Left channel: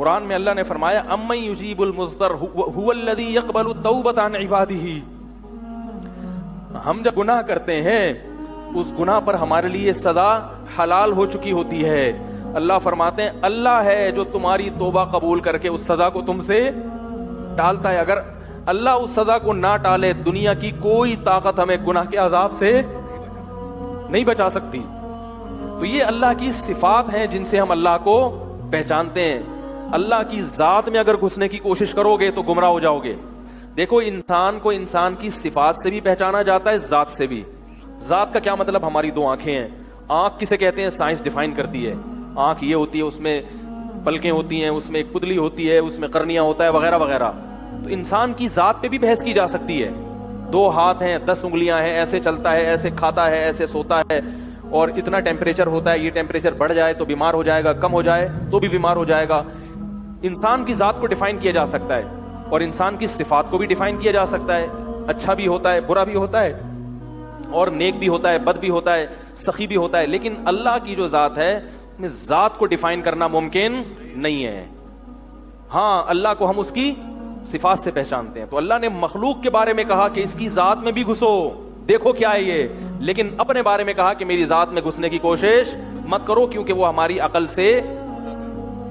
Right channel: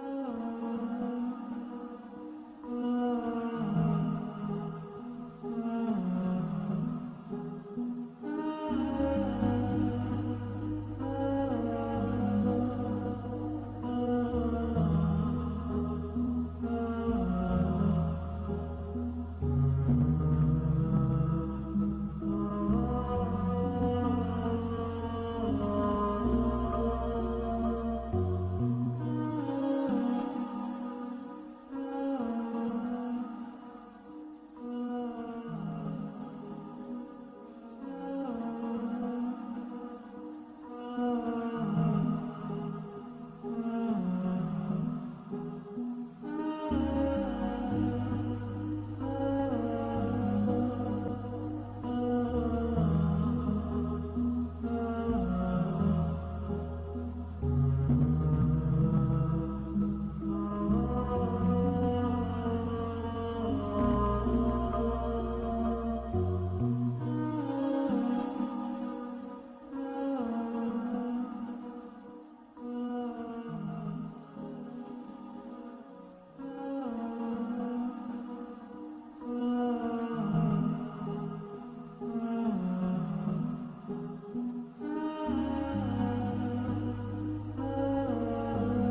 قرآن میں اللہ نے فرمایا امن یجیب المضطر هو الذی یقبل التوبۃ عن عبادہ. ہم جب گناہ کرتے ہیں اس گناہ پر ہمارے لیے سزا حلال ہو چکی ہوتی ہے. اللہ فرماتے ہیں اللہ ہے جو تمہاری توبہ قبول کر کے اس سزا کو تم سے ٹالتا ہے. اگر اللہ اس سزا کو نہ ٹالے دنیا کی کوئی طاقت ہمیں گناہ کے عذاب سے نہیں بچا سکتی. تو یہ اللہ کی صفات ہیں جن سے ہم اللہ کو پہچانتے ہیں. اللہ کی ذات میں اگر گھسنے کی کوشش کرو گے تو گمراہ ہو جاؤ گے. دیکھو انسان کو انسان کی صفات سے بھی پہچانا جاتا ہے, ذات سے بھی. ذات کا کیا مطلب؟ ہماری دو آنکھیں ہیں. آنکھ کسے کہتے ہیں؟ سائنس ڈیفائن کرتی ہے. آنکھ یہ ہوتی ہے, اس میں پلکیں ہوتی ہیں, اس میں ایک پتلی ہوتی ہے, اس میں قرنیہ ہوتا ہے وغیرہ وغیرہ. تو انسان کی ذات پہ بھی بحث کی جا سکتی ہے. 2 ہاتھ ہیں, 10 انگلیاں ہیں, ایسے چلتا ہے, ایسے کھاتا ہے, ایسے سوتا ہے, اور اتنا ٹیمپریچر ہوتا ہے, یہ ٹیمپریچر بڑھ جائے تو بیمار ہو جائے گا, کم ہو جائے تو بھی بیمار ہو جائے گا. انسان کی ذات کو ڈیفائن کیا جا سکتا ہے, اور انسان کی صفات کو بھی ڈیفائن کیا جا سکتا ہے. اچھا بھی ہوتا ہے, برا بھی ہوتا ہے, اور نیک بھی ہوتا ہے, بد بھی ہوتا ہے, سخی بھی ہوتا ہے. لیکن اللہ کی جو ذات ہے, ذات کو ڈیفائن کرنا ممکن نہیں ہے. ہاں اللہ کو ہم اس کی صفات سے پہچانتے ہیں. تو اللہ نے مخلوق کے بارے میں کہا کہ اس کی ذات میں بھی گھسو, دیکھو کیا ہے یہ, لیکن اپنے بارے میں کہا کہ میری ذات میں گھسنے کی کوشش مت کرو کیونکہ وہ ہماری عقل سے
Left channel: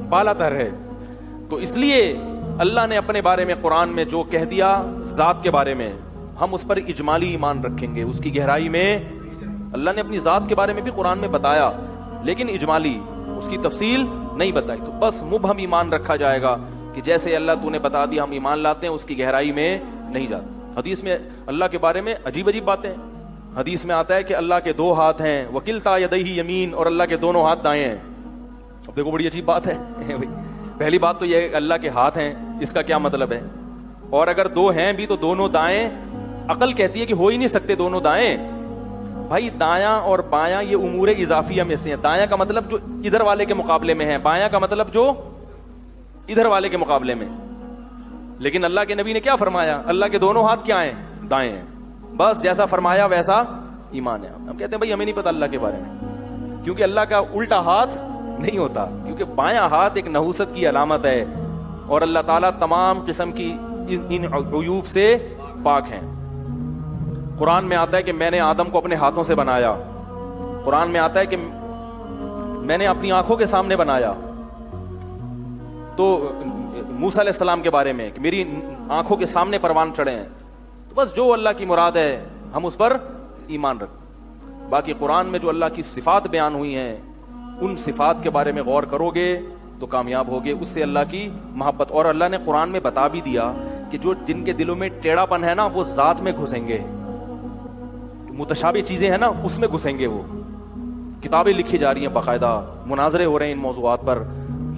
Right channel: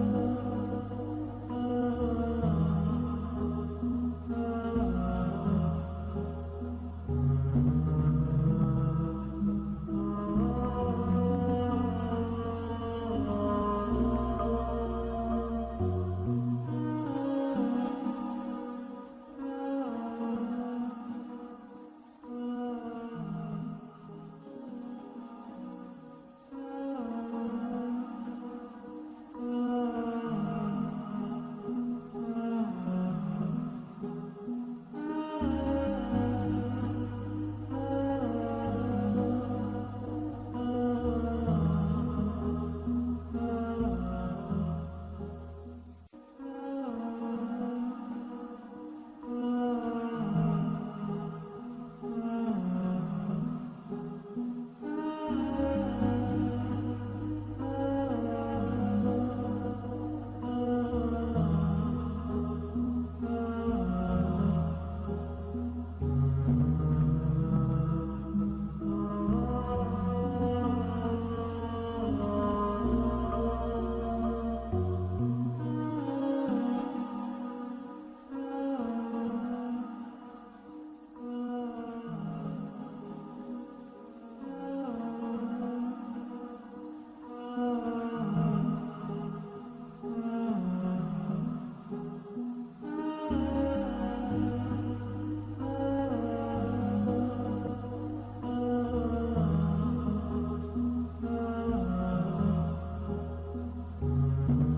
بالا تر ہے. تو اس لیے اللہ نے اپنے بارے میں قرآن میں جو کہہ دیا ذات کے بارے میں, ہم اس پر اجمالی ایمان رکھیں گے. اس کی گہرائی میں اللہ نے اپنی ذات کے بارے میں بھی قرآن میں بتایا, لیکن اجمالی, اس کی تفصیل نہیں بتائی. تو بس مبہم ایمان رکھا جائے گا کہ جیسے اللہ تو نے بتا دیا ہم ایمان لاتے ہیں, اس کی گہرائی میں نہیں جاتے. حدیث میں اللہ کے بارے میں عجیب عجیب باتیں. حدیث میں آتا ہے کہ اللہ کے 2 ہاتھ ہیں, وکلتا یدیہ یمین, اور اللہ کے دونوں ہاتھ دائیں ہیں. اب دیکھو بڑی عجیب بات ہے. پہلی بات تو یہ ہے کہ اللہ کے ہاتھ ہیں, اس کا کیا مطلب ہے؟ اور اگر 2 ہیں بھی تو دونوں دائیں, عقل کہتی ہے کہ ہو ہی نہیں سکتے دونوں دائیں. بھائی دایاں اور بایاں یہ امور اضافیہ میں سے ہیں. دایاں کا مطلب جو ادھر والے کے مقابلے میں ہے, بایاں کا مطلب جو ادھر والے کے مقابلے میں. لیکن اللہ کے نبی نے کیا فرمایا؟ اللہ کے دونوں ہاتھ کیا ہیں؟ دائیں ہیں. بس جیسا فرمایا ویسا ایمان ہے. ہم کہتے ہیں بھائی ہمیں نہیں پتا اللہ کے بارے میں, کیونکہ اللہ کا الٹا ہاتھ نہیں ہوتا, کیونکہ بایاں ہاتھ ایک نحوست کی علامت ہے, اور اللہ تعالیٰ تمام قسم کی ان عیوب سے پاک ہیں. قرآن میں آتا ہے کہ میں نے آدم کو اپنے ہاتھوں سے بنایا. قرآن میں آتا ہے کہ میں نے اپنی آنکھوں کے سامنے بنایا. تو موسیٰ علیہ السلام کے بارے میں کہ میری آنکھوں کے سامنے پروان چڑھے ہیں. تو بس جو اللہ کی مراد ہے ہم اس پر ایمان رکھیں. باقی قرآن میں جو اللہ کی صفات بیان ہوئی ہیں, ان صفات کے بارے میں غور کرو گے تو کامیاب ہوگے. اس سے اللہ کی محبت, اور اللہ نے قرآن میں بتا بھی دیا کہ جو جن کے دلوں میں ٹیڑھا پن ہے نا وہ ذات میں گھسیں گے. متشابہ چیزیں ہیں نا اس میں گھسیں گے. وہ کتابیں لکھی جا رہی ہیں, باقاعدہ مناظرے ہو رہے ہیں ان موضوعات پر.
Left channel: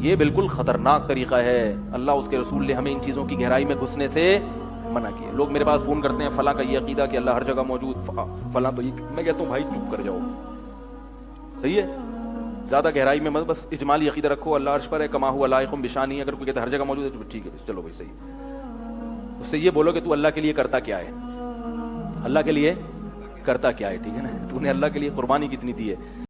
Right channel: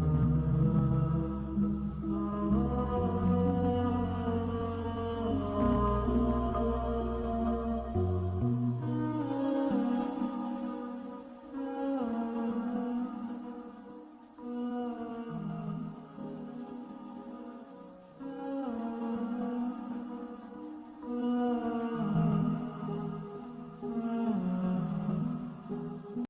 یہ بالکل خطرناک طریقہ ہے. اللہ اس کے رسول نے ہمیں ان چیزوں کی گہرائی میں گھسنے سے منع کیا. لوگ میرے پاس فون کرتے ہیں فلاں کا یہ عقیدہ کہ اللہ ہر جگہ موجود, فلاں تو یہ. میں کہتا ہوں بھائی چپ کر جاؤ, صحیح ہے, زیادہ گہرائی میں مت, بس اجمالی عقیدہ رکھو اللہ عرش پر ہے, کما ہوا لائق بشانی. اگر کوئی کہتا ہے ہر جگہ موجود ہے تو ٹھیک ہے, چلو بھائی صحیح. اس سے یہ بولو کہ تو اللہ کے لیے کرتا کیا ہے, اللہ کے لیے کرتا کیا ہے, ٹھیک ہے نا, تو نے اللہ کے لیے قربانی کتنی دی ہے.